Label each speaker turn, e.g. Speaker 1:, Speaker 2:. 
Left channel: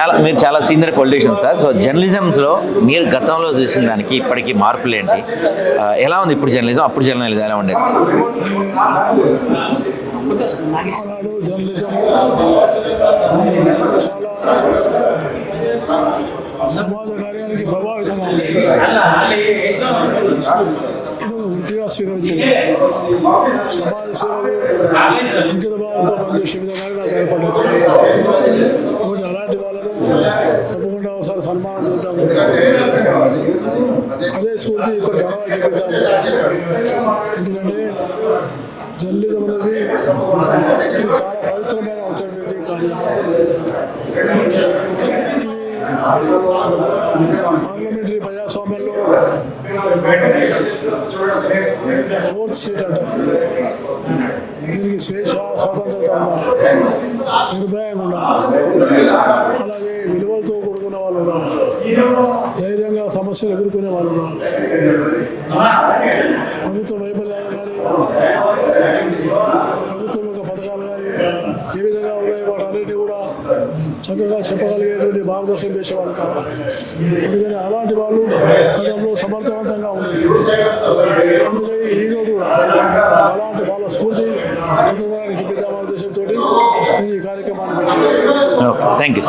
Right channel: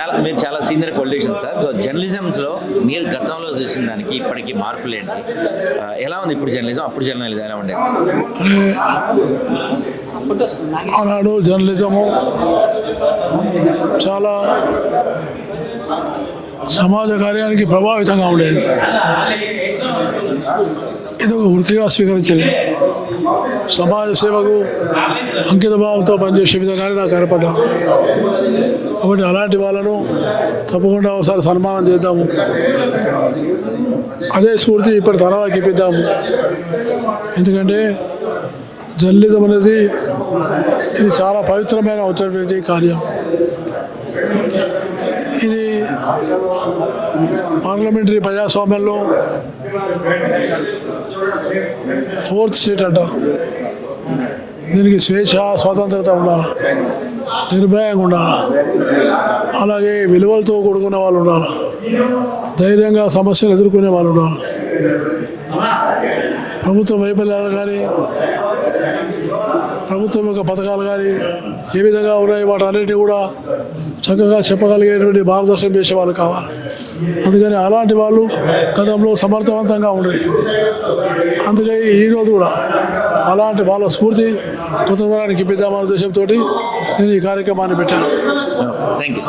Speaker 1: చాలా మీరు చాలా సీనియర్ పొలిటీషియన్ సార్ సో జర్నలిజంలో మీరు గతంలో చూసిన దానికి ఇప్పటికీ మార్పులు ఏంటి? ఎలా ఉంది ఇప్పుడు జర్నలిజం అప్పుడు జర్నలిజం ఎలా ఉండేది? సార్
Speaker 2: ఆనాడు జర్నలిజము చాలా సమాజ కార్యానికి ప్రభావితంగా ఉండేది. వృత్తిగా స్వీకరించింది సమాజ సేవకు అంకిత భావంతో పనిచేసే విధంగానే నాకు ఏర్పడ్డా కాబట్టి అలాంటి వాళ్ళను తప్పకుండా ఒకసారి సన్మానం చేద్దాము. అదే స్ఫూర్తి ఇప్పటి తరాలకు ఇప్పిద్దాము. ఎందుకంటే జర్నలిజం అనేది ఇది చాలా పవిత్రమైన అవుతున్నటువంటి కార్యం. పార్లమెంటరీ ప్రజాస్వామ్యంలో ఫోర్త్ సీట్ అంట. దీనికి స్వేచ్ఛ స్వాతంత్రత ఉండాలి? నిర్భయంగా ఉండాలి? అలాగే విలువలతో కూడుకున్న వాళ్ళు ఉండాలి? ధైర్యంగా సమస్యలు ఎదుర్కొనే వాళ్ళు ఉండాలి? ప్రభుత్వ వైఫల్యాలు కానీ యొక్క కానీ ఏ విధంగా ఉన్నాయి వాటన్నిటిని కూడా చక్కగా చెప్పగలిగేటువంటి మార్గదర్శనం చేసే వాళ్ళు కావాలి. అందుకని అలాంటి వాళ్ళు గతంలో సమర్థవంతంగా ఉండేది. అందుకే ఈరోజు కూడా అలాంటి వాళ్ళ స్ఫూర్తి కొత్త తరానికి ఇప్పిద్దామనే ఉద్దేశంతో నేను ఈ కార్యక్రమాన్ని పెట్టాను.
Speaker 1: Thank you